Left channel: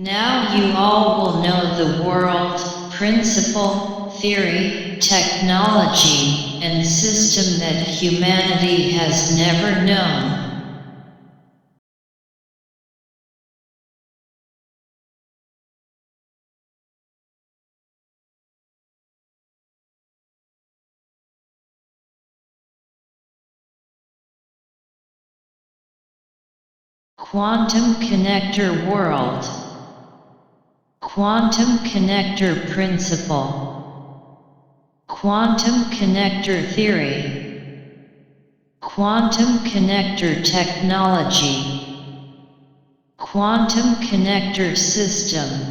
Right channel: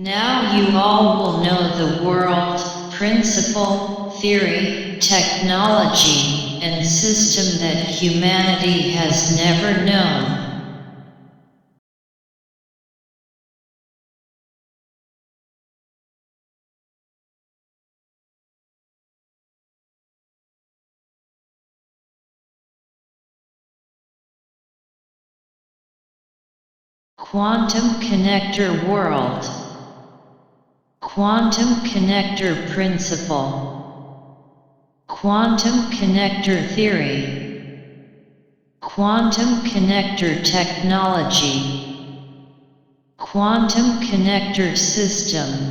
Now you all will know the world, principle, theory, technology, and system that humanity has never known. Quantum connector world. Quantum connector principle. Quantum connector theory. Quantum connector technology. Quantum connector system.